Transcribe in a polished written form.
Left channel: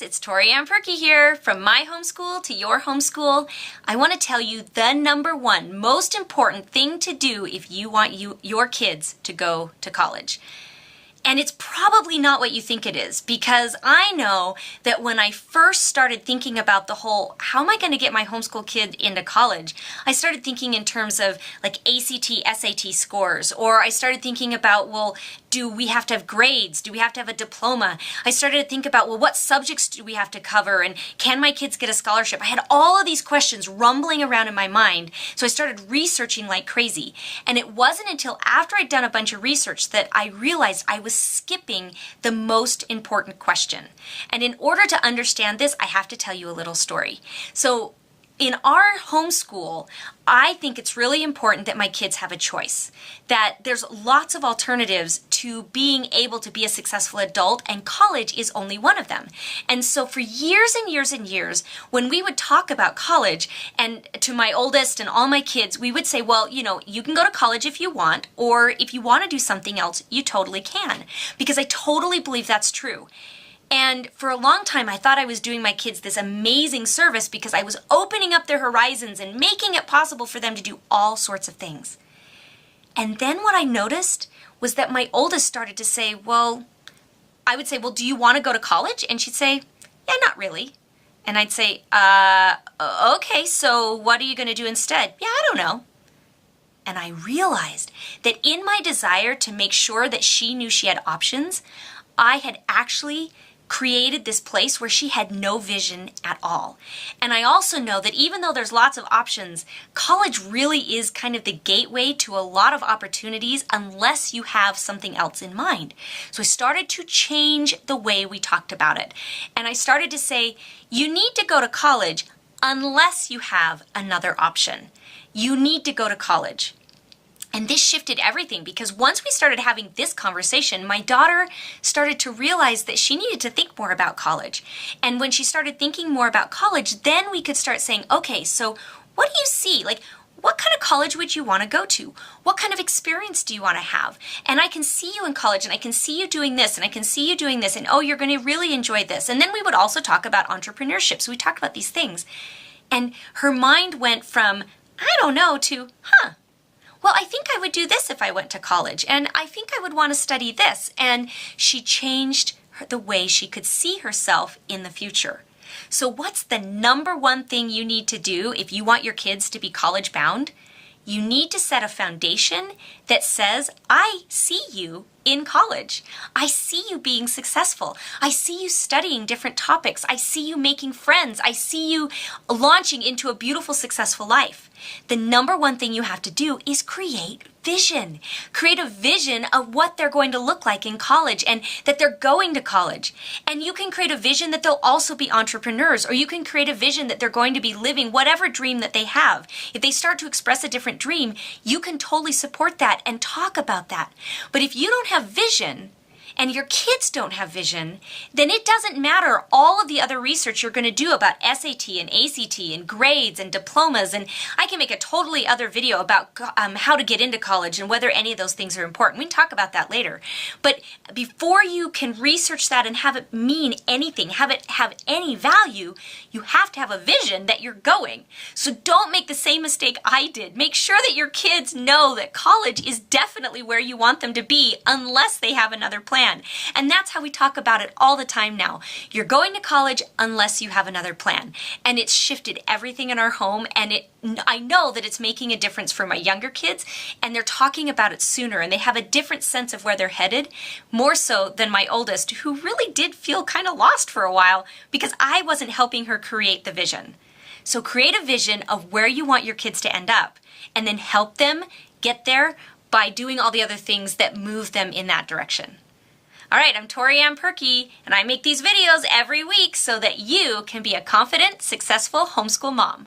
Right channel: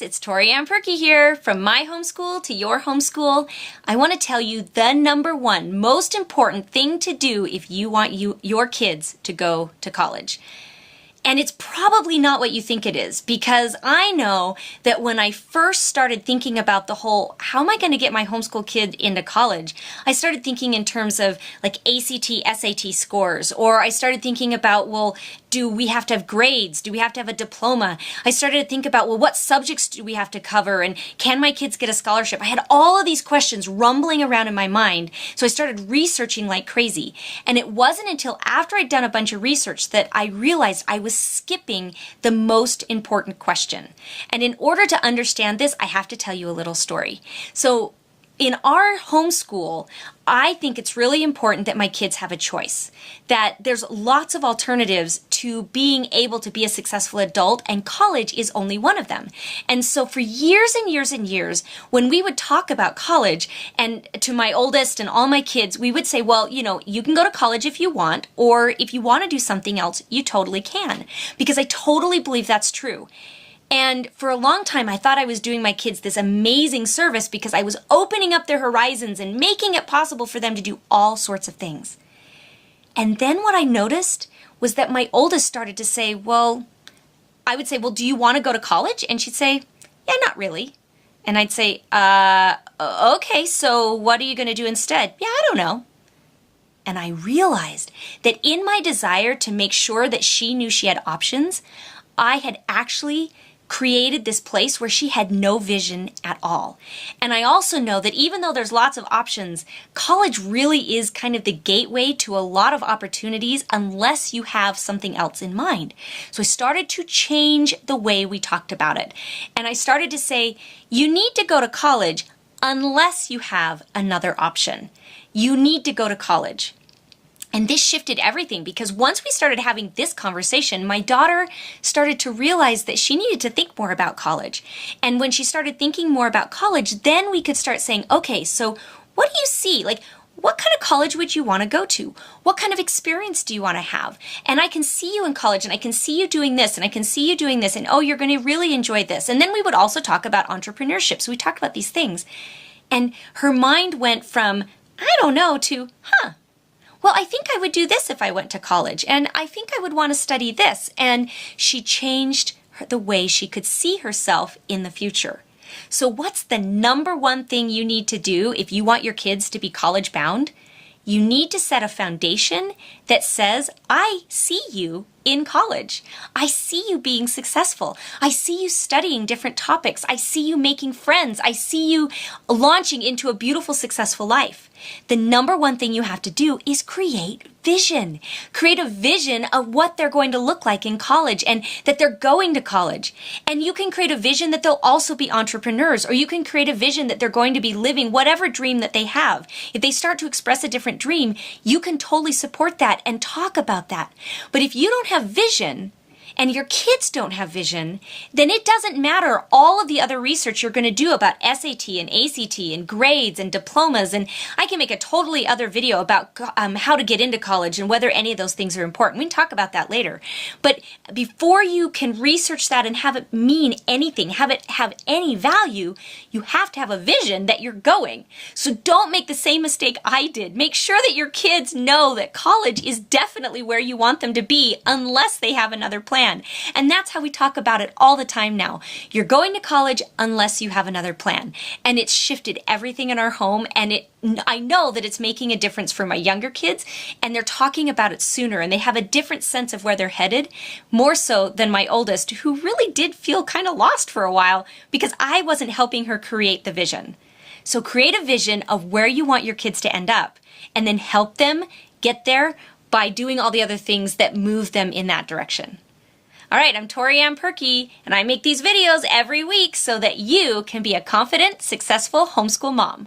guys, it's Tori Ann Perky here. From my homeschool to your homeschool, I want to tell you the number one most important thing to do if you want your kids to go to college. And it's probably not what you think it is, because I know that when I first started thinking about the whole, how am I going to get my homeschool kid into college? I started thinking in terms of like ACT, SAT scores, or I started thinking about, well, do we have to have grades? Do we have to have a diploma? I started to think about, well, what subjects do we have to cover? And can my kids get a scholarship? I had all of these questions rumbling around in my mind. So I started researching like crazy. And it wasn't until after I'd done a bunch of research that I realized I was skipping the most important question. And in order to understand this, I have to tell you a little story. So in our homeschool, I think it's really important that my kids have a choice, that there's lots of alternatives to being able to be a successful adult, and college is only one of them. And so for years and years and years, when we would talk about college, and to my oldest and all my kids, we would say, well, you can go to college if you want, or if you want to do something else, you totally can, because I totally believe that's true. And for a long time, I thought I was doing my kids this amazing service because I was opening up their horizons and making it possible for them to do all sorts of things. And then what I noticed was that my oldest started to say, I would say, do you want to go to college? And she'd say, yeah, not really. And I'd say, okay, so what are you going to do instead? Yeah, I don't know. And I realized that in my desire to make sure that she knew she had options, I had actually created this place where she had no vision at all. And I also know that even though there's lots of options, college really is kind of the gateway to a lot of opportunities unless you have something else in mind. So I started to change the way we talked about it. And I started to say, you need to go to college unless you have another option. You need to go to college. And this shifted everything, because once we started having this conversation, my daughter started to realize that she needed to think more about college. And when she started thinking more about college, then we could start saying, okay, so what do you see? Like, what kind of college would you want to go to? What kind of experience do you want to have? And I can see you in college, and I can see you doing this, and I can see you doing this, and oh, you're going to really enjoy this. And then we would also talk about entrepreneurship. So we talked about these things. And her mind went from, I don't know, to, well, I think I would do this if I went to college, and I think I would want to study this. And she changed the way she could see herself in the future. So what's the number one thing you need to do if you want your kids to be college bound? You need to set a foundation that says, I see you in college. I see you being successful. I see you studying different topics. I see you making friends. I see you launching into a beautiful, successful life. The number one thing you have to do is create vision. Create a vision of what they're going to look like in college and that they're going to college. And you can create a vision that they'll also be entrepreneurs, or you can create a vision that they're going to be living whatever dream that they have. If they start to express a different dream, you can totally support that and talk about that. But if you don't have vision, and your kids don't have vision, then it doesn't matter all of the other research you're going to do about SAT and ACT and grades and diplomas. And I can make a totally other video about how to get into college and whether any of those things are important. We can talk about that later. But before you can research that and have it mean anything, have it have any value, you have to have a vision that you're going. So don't make the same mistake I did. Make sure that your kids know that college is definitely where you want them to be unless they have another plan. And that's how we talk about it all the time now. You're going to college unless you have another plan. And it's shifted everything in our home. And I know that it's making a difference for my younger kids. And they're talking about it sooner. And they have a different sense of where they're headed. More so than my oldest, who really did feel kind of lost for a while because I wasn't helping her create the vision. So create a vision of where you want your kids to end up. And then help them get there by doing all the other things that move them in that direction. All right, I'm Tori Ann Perky, and I make these videos every week so that you can be a confident, successful homeschool mom.